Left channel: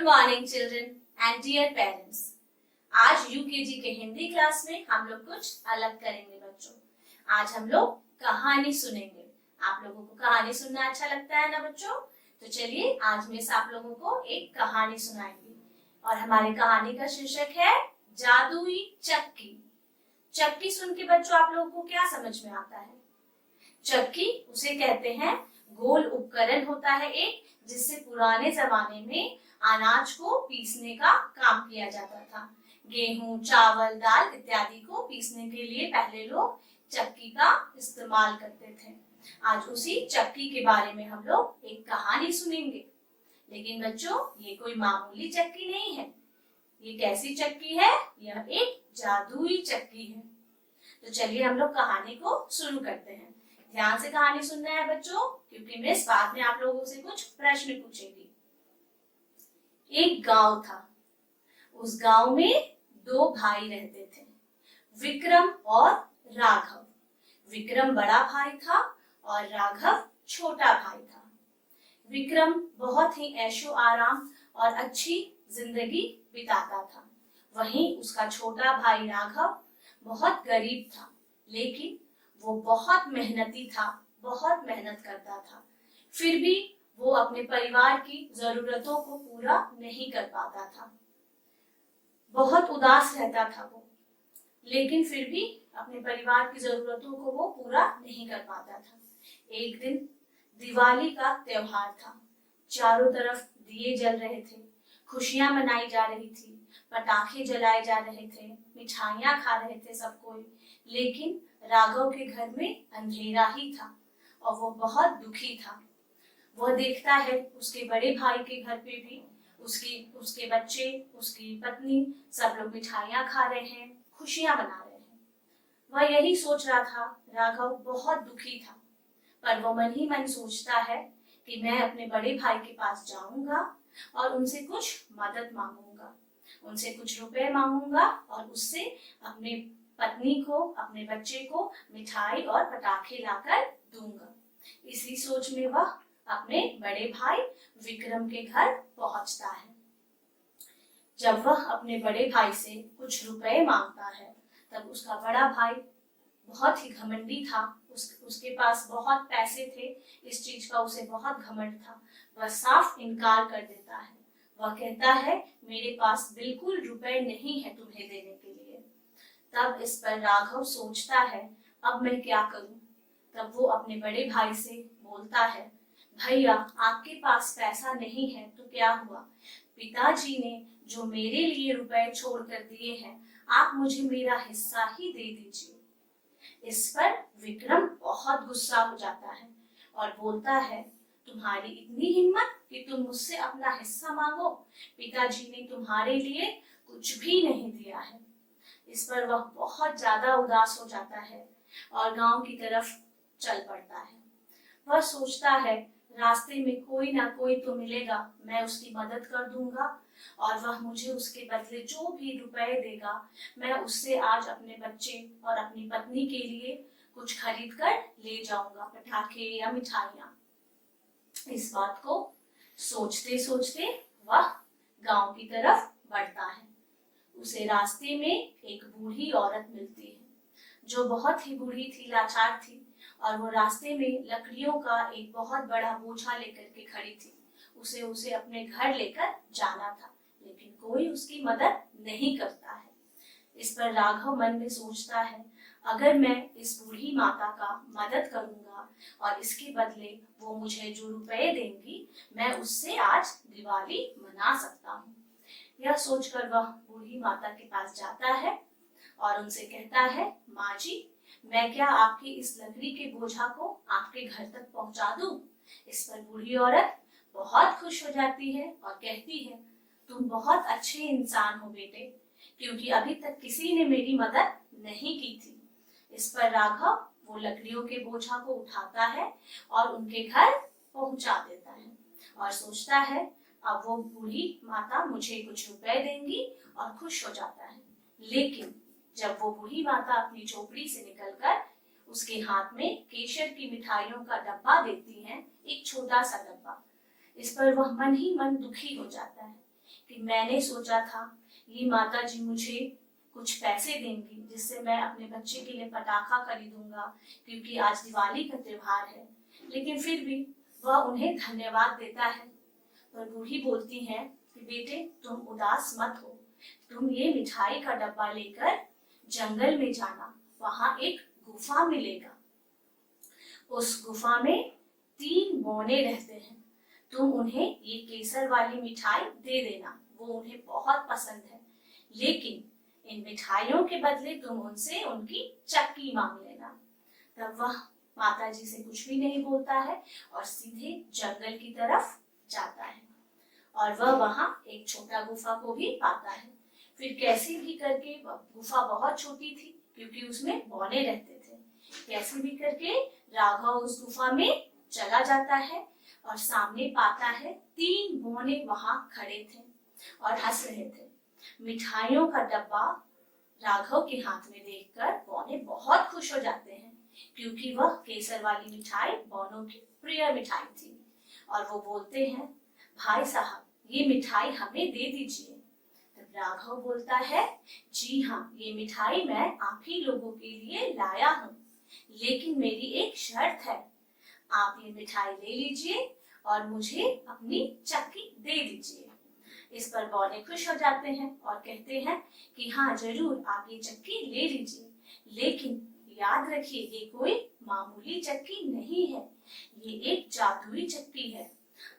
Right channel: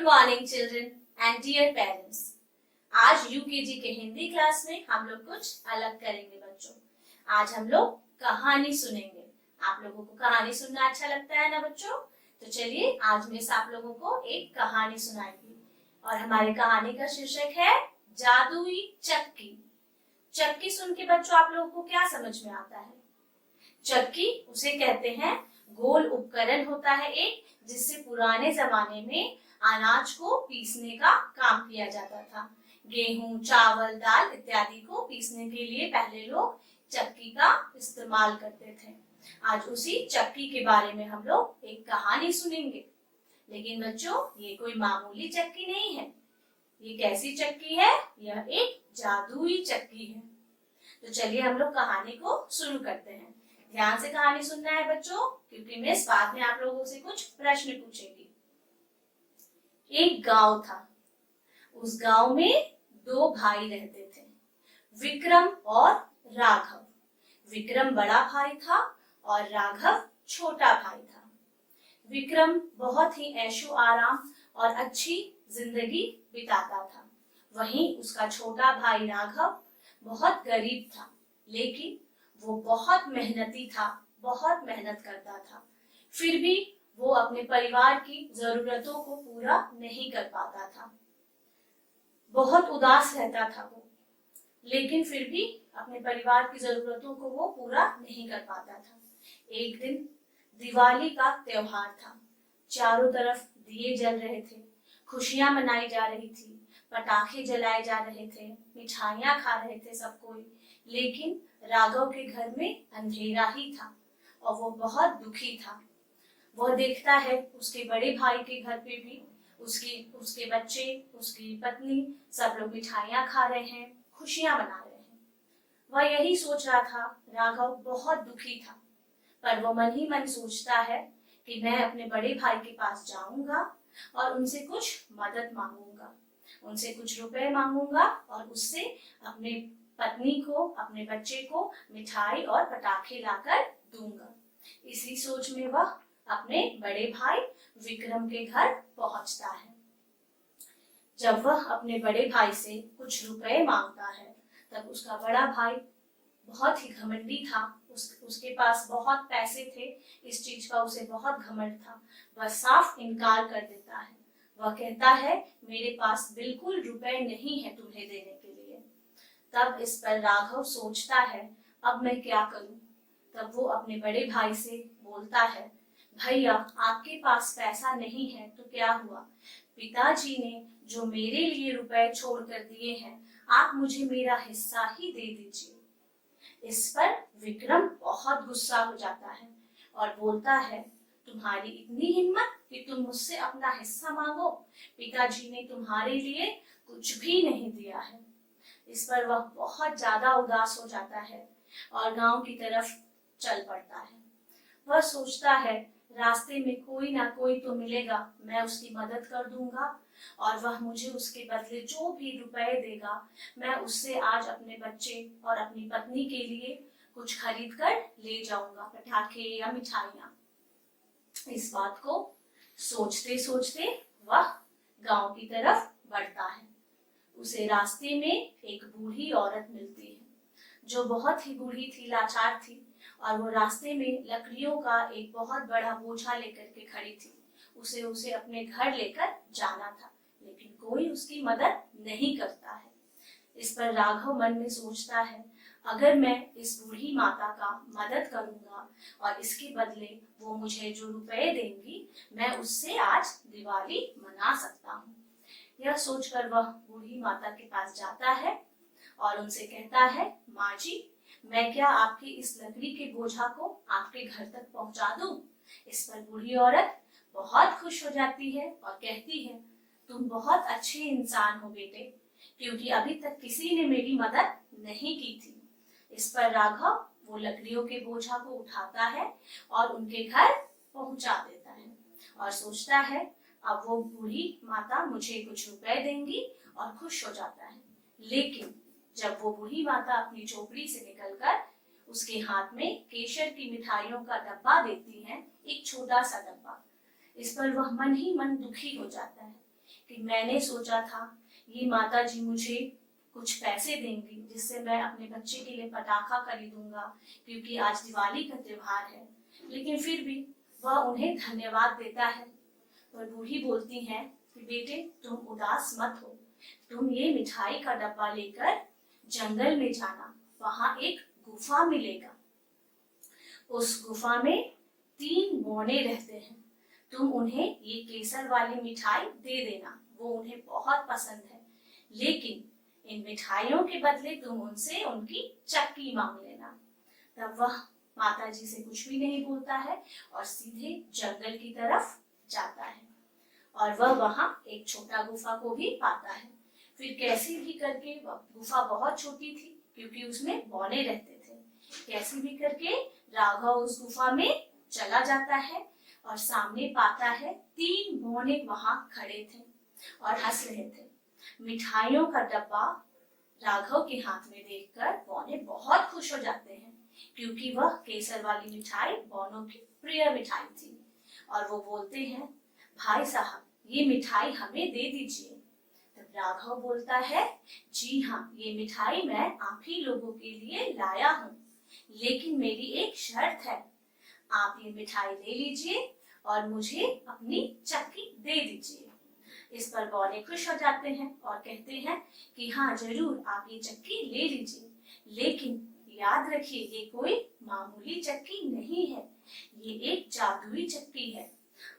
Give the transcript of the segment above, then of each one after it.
Good morning children and dear parents. आज UKG के Hindi class में हम लोग कुछ अलग करेंगे बच्चों। आज हम लोग कहानी सुनेंगे। आप लोगों को कहानी सुनना अच्छा लगता है ना बच्चों? तो चलिए आज मिस आप लोगों को एक कहानी सुनाएंगी और हमारी कहानी का शीर्षक है जादुई चक्की। चक्की सुन के बच्चों आप लोगों को क्या समझ में आता है? चक्की उसे कहते हैं गोल उपकरण होता है एक, जिससे पुराने जमाने में अनाज को पीसने का काम किया जाता था। गेहूं, चावल, दाल इत्यादि को पीसने के लिए पहले लोग चक्की का इस्तेमाल करते थे। आज उसी चक्की के बारे में हम लोग एक कहानी सुनेंगे। लेकिन बच्चों ये कोई मामूली चक्की नहीं है। ये कैसी चक्की है? यह एक जादुई चक्की है। तो चलिए हम लोग कहानी को शुरू करते हैं। ध्यान से कहानी सुनना है बच्चों, क्योंकि मिस बाद में आप लोगों से कुछ प्रश्न पूछेगी। एक गांव था। उस गांव में दो भाई रहते थे, विक्रम और राघव। विक्रम बड़ा भाई था और राघव छोटा भाई था। विक्रम बहुत ही ऐशो आराम और अच्छी जिंदगी बिताता था। वहीं उसका छोटा भाई राघव बहुत गरीब था, लेकिन वो बहुत मेहनती था, बहुत मेहनत करता था। फिर भी वो अपने परिवार की जरूरतों को पूरा नहीं कर पाता था। बहुत उदास रहता था वो, लेकिन फिर भी अपने परिवार की जरूरतों को वो पूरा नहीं कर पाता था। एक दिन दिवाली का त्योहार था। चारों तरफ दिए जल रहे थे, खुशियां मनाई जा रही थी, पटाखे जलाए जा रहे थे, मिठाइयां खा रहे थे सब कोई। लेकिन राघव के घर में अंधेरा ही था और वो बहुत दुखी था। वह देखता है उसके बड़े भाई के घर पे भी उसके बच्चे, उसकी पत्नी सब लोग मिठाइयां खा रहे हैं, खुशियां मना रहे हैं। वह यही सोच रहा था। राघव बहुत दुखी था, पर वो मन ही मन सोचता है कि मैं अपने बड़े भाई के पास जाऊंगा और उनसे कुछ मदद मांगूंगा, उनसे कुछ रुपए मांगूंगा और उससे अपने पत्नी को, अपने बच्चे को मिठाई और पटाखे लाकर दूंगा। इसी सोच में वह अपने बड़े भाई विक्रम के घर पहुंचता है। जब वह अपने बड़े भाई से कुछ रुपए मांगता है, तब उसका बड़ा भाई बहुत ही घमंडी था। उसके पास बहुत पैसे थे, इस चीज का उसे बहुत घमंड था। वह साफ इनकार कर देता है। वह कहता है मेरे पास बिल्कुल रुपए नहीं है तुम्हें देने के लिए। तब इस पर राघव सोचता है अब मैं क्या करूं। तब वो अपने बड़े भाई से बोलता है, भैया आपके पास पैसा नहीं है तो क्या हुआ, पिताजी ने जो मेरे लिए रुपए छोड़ कर दिए हैं, आप मुझे मेरा हिस्सा ही दे दीजिए। इस पर विक्रम बहुत गुस्सा हो जाता है और बोलता है, तुम्हारी इतनी हिम्मत कि तुम मुझसे अपना हिस्सा मांगो? पिताजी ने तुम्हारे लिए कुछ भी नहीं दिया है। इस पर वह बहुत ज्यादा उदास हो जाता है और गांव की तरफ चल पड़ता है। वह सोचता है रास्ते में कोई ना कोई तो मिलेगा, मैं उसकी मदद कर दूंगा और वह मुझे उसके बदले जो भी रुपए देगा, मैं उससे आज अपने बच्चे और अपनी पत्नी के लिए कुछ खरीद कर ले जाऊंगा, पटाखे या मिठाइयां। इस बात को सोचते सोचते वह गांव की तरफ बढ़ता है। उसे रास्ते में एक बूढ़ी औरत मिलती है, जो बहुत ही बूढ़ी थी, लाचार थी, और वो रास्ते में लकड़ियों का एक बहुत बड़ा बोझा लेकर के खड़ी थी। उसे अपने घर लेकर जाना था, लेकिन कोई उसकी मदद नहीं करता है। इस पर राघव मन में सोचता है, अगर मैं इस बूढ़ी माता का मदद करूंगा और इसके बदले वो मुझे जो रुपए देंगी, मैं उससे आज दिवाली मना सकता हूँ। यह सोचकर वह बूढ़ी माता के पास जाता है और उनसे कहता है, माँ जी, मैं क्या आपकी इस लकड़ी के बोझा को आपके घर तक पहुंचा दूं? इस पर बूढ़ी औरत बहुत खुश हो जाती है और कहती है, तुम बहुत अच्छे इंसान हो बेटे, क्योंकि अभी तक किसी ने मेरी मदद नहीं की थी। इस पर राघव वो लकड़ियों के बोझा को उठाता है और उनके घर पहुंचा देता है और सोचता है अब वो बूढ़ी माता मुझे कुछ रुपए देंगी और खुश हो जाता है। लेकिन जब वो बूढ़ी माता अपनी झोपड़ी से निकलकर उसके हाथ में केसर की मिठाइयों का डब्बा देती है, एक छोटा सा डब्बा। इस पर वह मन ही मन दुखी हो जाता है कि मैंने सोचा था ये माता जी मुझे कुछ पैसे देंगी जिससे मैं अपने बच्चे के लिए पटाखा खरीदूंगा क्योंकि आज दिवाली का त्योहार है, लेकिन फिर भी वह उन्हें धन्यवाद देता है। पर बूढ़ी बोलती है कि बेटे तुम उदास मत हो, तुम ये मिठाई का डब्बा लेकर जंगल में जाना, वहां एक गुफा मिलेगा। उस गुफा में 3 बौने रहते हैं, तुम उन्हें ये केसर वाली मिठाई दे देना, वो उन्हें बहुत पसंद है, लेकिन इन मिठाइयों के बदले तुम उनसे उनकी चक्की मांग लेना। तब वह माता जी से कुछ भी नहीं बोलता है और सीधे जंगल की तरफ जाता है और वह वहां एक छोटा गुफा को भी पाता है। फिर कैसे भी करके वह गुफा बहुत छोटी थी क्योंकि उसमें बौने रहते थे। कैसे भी करके राघव उस गुफा में चला जाता है और सामने पाता है 3 बौने वहां खड़े थे और हंस रहे थे। मिठाइयों का डब्बा राघव के हाथ में देखकर बौने बहुत खुश हो जाते हैं क्योंकि वह केसर वाली मिठाई बौनों की प्रिय मिठाई थी और वो बोलते हैं, भाई साहब ये मिठाई हमें दे दीजिए। तब राघव बोलता है, जी हाँ, ये मिठाई मैं आप ही लोगों के लिए लाया हूँ, लेकिन मेरी एक शर्त है, आप ये मिठाई ले लीजिए और मुझे अपनी चक्की दे दीजिए। इस पर बौने खुश हो जाते हैं और कहते हैं कि हाँ जरूर आप ये चक्की ले लीजिए, लेकिन याद रखिए ये कोई मामूली चक्की नहीं है, ये एक जादुई चक्की है।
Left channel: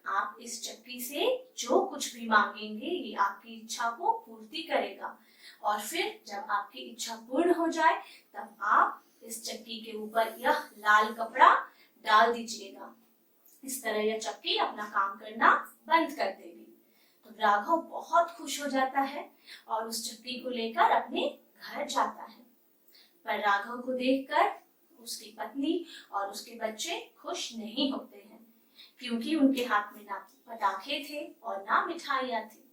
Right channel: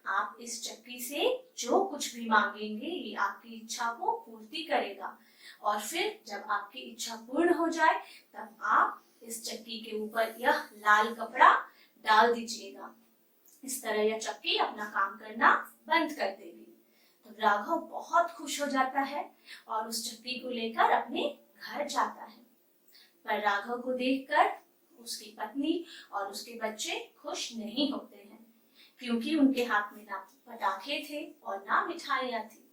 आप इस चक्की से जो कुछ भी मांगेंगे ये आपकी इच्छा को पूर्ति करेगा और फिर जब आपकी इच्छा पूर्ण हो जाए तब आप इस चक्की के ऊपर यह लाल कपड़ा डाल दीजिएगा। इस तरह यह चक्की अपना काम करना बंद कर देगी। तो राघव बहुत खुश हो जाता है और उस चक्की को लेकर अपने घर जाता है। पर राघव को देखकर उसकी पत्नी और उसके बच्चे खुश नहीं होते हैं क्योंकि उनके हाथ में ना पटाखे थे और ना मिठाइयां थी,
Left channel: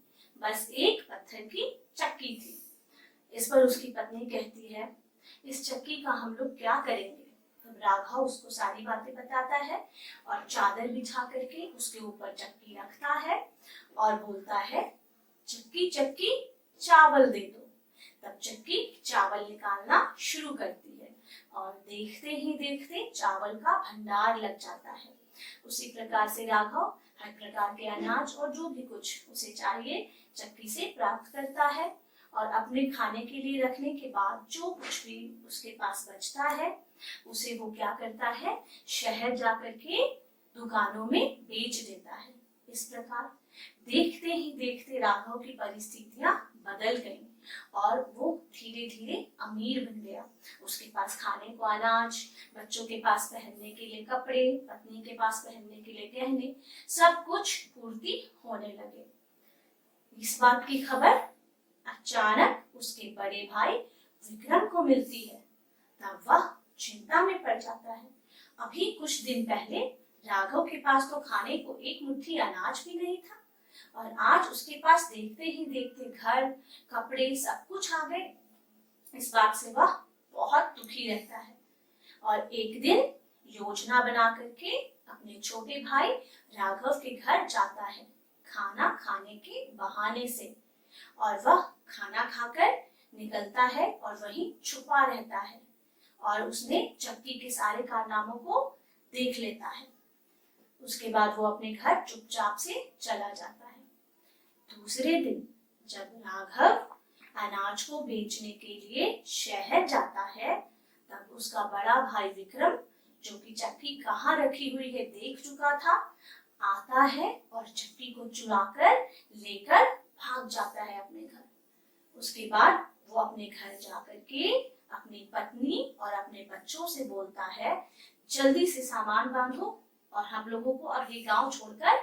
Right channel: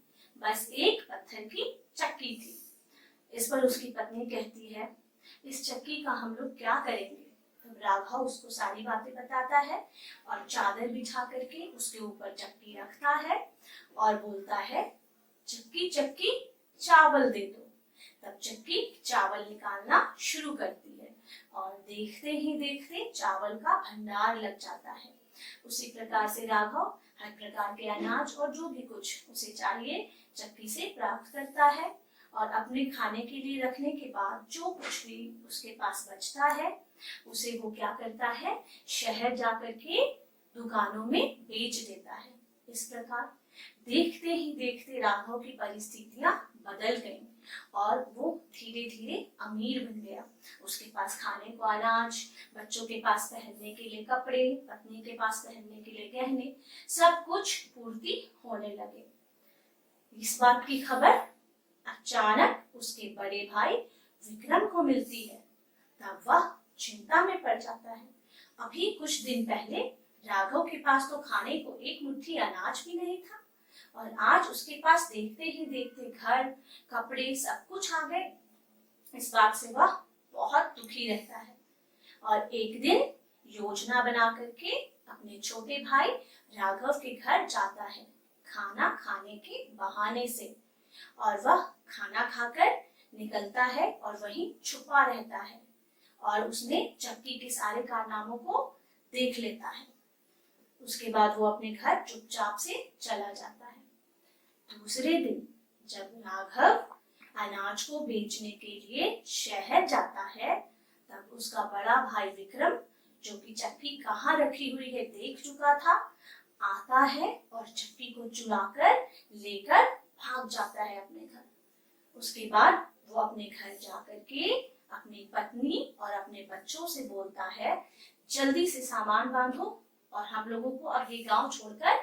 बस एक पत्थर की चक्की थी। इस पर उसकी पत्नी कहती है, इस चक्की का हम लोग क्या करेंगे? तो राघव उसको सारी बातें बताता है और चादर बिछा करके उसके ऊपर चक्की रखता है और बोलता है, चक्की चक्की चावल दे दो। तब चक्की चावल निकालना शुरू करती है और देखते ही देखते चावल का भंडार लग जाता है। उसी प्रकार से राघव हर प्रकार के अनाज और जो भी कुछ उसे चाहिए चक्की से प्राप्त करता है और अपने खाने के लिए रखने के बाद जो कुछ भी उसके पास बचता है उसे वो क्या करता है, शहर जाकर के दुकानों में बेच देता है। इस प्रकार देखते ही देखते राघव की परिस्थितियां बदल गईं और वो धीरे धीरे अमीर बन गया। उसके पास खाने को अनाज, बच्चों के पास पहनने के लिए कपड़े, पत्नी के पास पहनने के लिए गहने, सब कुछ पूर्ति होने लगे। इस बात की खबर अचानक उसके बड़े भाई विक्रम को मिलती है। तब वह चिंता में पड़ जाता है। अभी कुछ दिन पहले राघव के पास तो खाने को एक मुट्ठी अनाज भी नहीं था और आज उसके पास देखते ही देखते घर, कपड़े सब कुछ आ गए। इस बात से वह बहुत दुखी रहता है और एक दिन योजना बना करके अपने छोटे भाई राघव के घर जाता है खाना खाने के बहाने से, और वह खाना खाकर निकलता है और वहीं छुपा रहता है और उसने चक्की के सारे कारनामों को देख लेता है। उसके बाद वो अपने घर चुपचाप से चला जाता है। दूसरे दिन जब राघव अनाज को बेचने के लिए शहर जाता है तब उसका बड़ा भाई विक्रम, जो कि चक्की कहाँ रखी हुई है देख चुका था, आता है और चक्की को चुराकर लेकर भाग जाता है अपने घर। उसके बाद वो अपने घर जाकर के अपनी पत्नी और अपने बच्चों से बोलता है, जल्दी से सामान बांधो और हम लोगों को अब ये गांव छोड़कर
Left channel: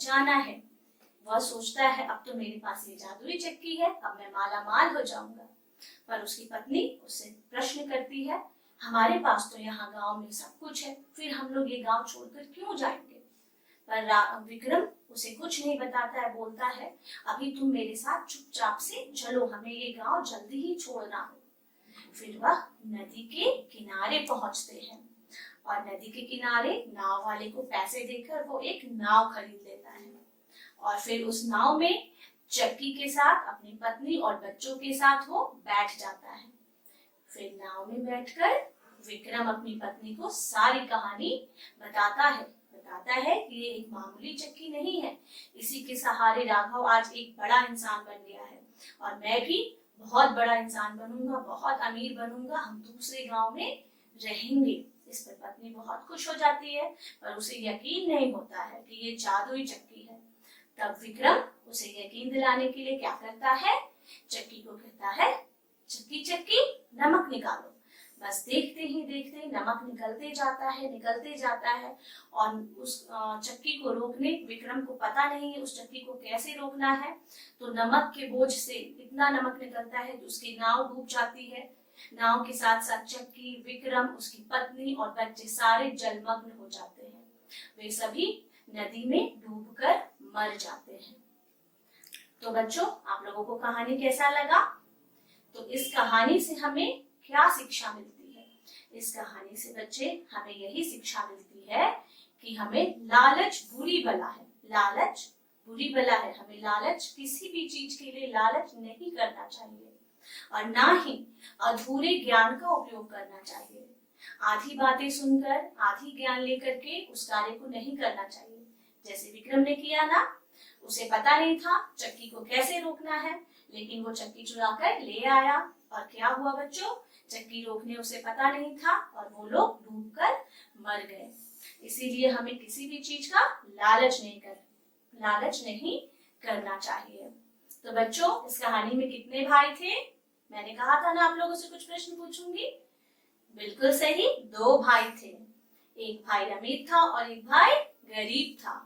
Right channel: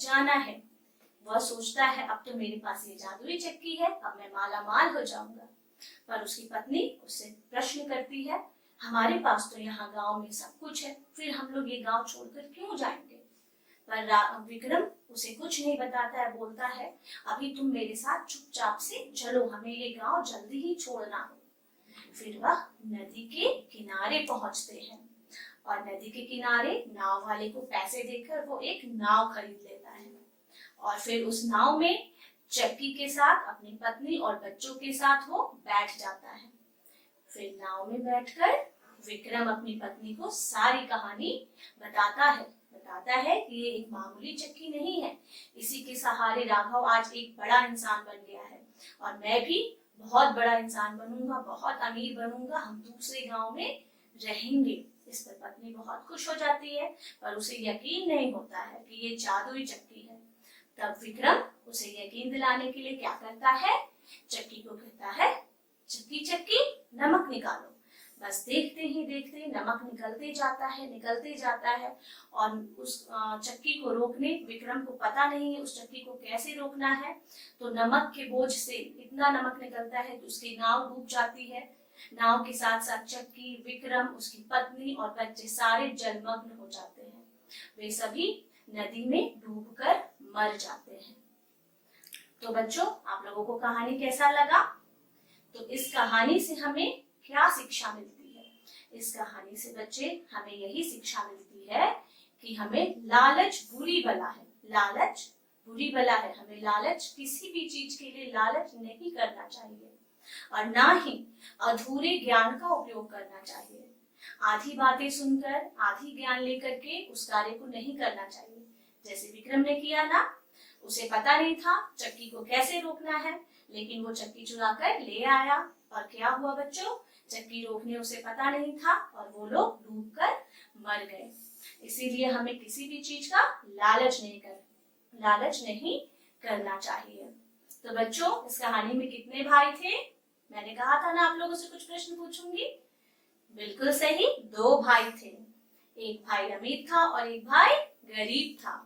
जाना है। वह सोचता है अब तो मेरे पास ये जादुई चक्की है, अब मैं माला माल हो जाऊंगा। पर उसकी पत्नी उससे प्रश्न करती है, हमारे पास तो यहाँ गांव में सब कुछ है, फिर हम लोग ये गांव छोड़कर क्यों जाएंगे? पर विक्रम उसे कुछ नहीं बताता है, बोलता है अभी तुम मेरे साथ चुपचाप से चलो, हमें ये गांव जल्दी ही छोड़ना हो। फिर वह नदी के किनारे पहुंचते हैं और नदी के किनारे नाव वाले को पैसे देकर वो एक नाव खरीद लेता है और फिर उस नाव में चक्की के साथ अपनी पत्नी और बच्चों के साथ वो बैठ जाता है। फिर नाव में बैठकर विक्रम अपनी पत्नी को सारी कहानी बताता है कि ये एक मामूली चक्की नहीं है, इसी के सहारे राघव आज एक बड़ा इंसान बन गया है और मैं भी बहुत बड़ा इंसान बनूंगा, बहुत अमीर बनूंगा, हम दूसरे गांव में रहेंगे। इस पर पत्नी बहुत खुश हो जाती है, पर उसे यकीन नहीं होता है कि ये जादुई चक्की है। तब विक्रम उसे यकीन दिलाने के लिए क्या करता है, चक्की को कहता है, चक्की चक्की नमक निकालो। बस देखते ही देखते नमक निकलते जाता है और उस चक्की को रोकने विक्रम को पता नहीं है उस चक्की को कैसे रोकना है। तो नमक के बोझ से इतना नमक निकलता है कि उसकी नाव डूब जाती है। नाव के साथ साथ चक्की, विक्रम, उसकी पत्नी और बच्चे सारे जलमग्न हो जाते हैं। वे सभी नदी में डूबकर मर जाते हैं। तो बच्चों, आप लोगों को कहानी कैसा लगा? तो इस कहानी से हमें क्या शिक्षा मिलती है? इस कहानी से बच्चे हमें यही शिक्षा मिलती है कि हमें लालच बुरी बला है। लालच बुरी बला है। हमें लालच, किसी भी चीज के लिए लालच नहीं करना चाहिए और ना ही अधूरे ज्ञान का उपयोग करना चाहिए। आधी बातें सुनकर, आधी ज्ञान लेकर के उस कार्य को नहीं करना चाहिए। जैसे विक्रम ने किया ना, उसे पता नहीं था चक्की को कैसे रोकना है, लेकिन वो चक्की चुरा कर ले आया और क्या हुआ बच्चों, चक्की रोकने उसे पता नहीं था और वो लोग डूबकर मर गए। इसीलिए हमें किसी भी चीज का लालच नहीं करना चाहिए। तो बच्चों, इस कहानी में कितने भाई थे? मैंने कहा था ना आप लोगों से कुछ प्रश्न पूछूंगी। बिल्कुल सही, 2 भाई थे। एक भाई अमीर था और एक भाई गरीब था।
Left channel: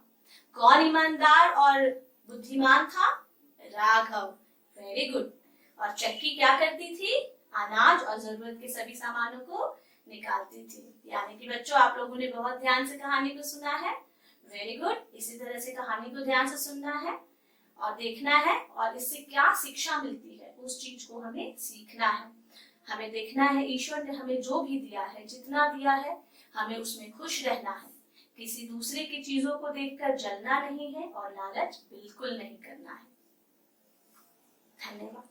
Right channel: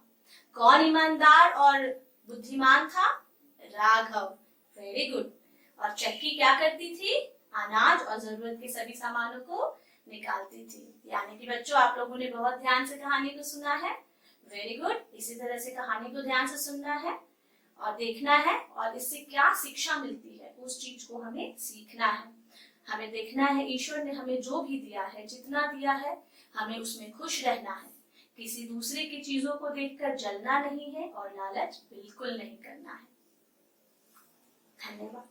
कौन ईमानदार और बुद्धिमान था? राघव। Very good. और चक्की क्या करती थी? अनाज और जरूरत के सभी सामानों को निकालती थी। यानी कि बच्चों, आप लोगों ने बहुत ध्यान से कहानी को सुना है। Very good. इसी तरह से कहानी को ध्यान से सुनना है और देखना है और इससे क्या शिक्षा मिलती है उस चीज को हमें सीखना है। हमें देखना है ईश्वर ने हमें जो भी दिया है, जितना दिया है, हमें उसमें खुश रहना है। किसी दूसरे की चीजों को देखकर जलना नहीं है और लालच बिल्कुल नहीं करना है। धन्यवाद।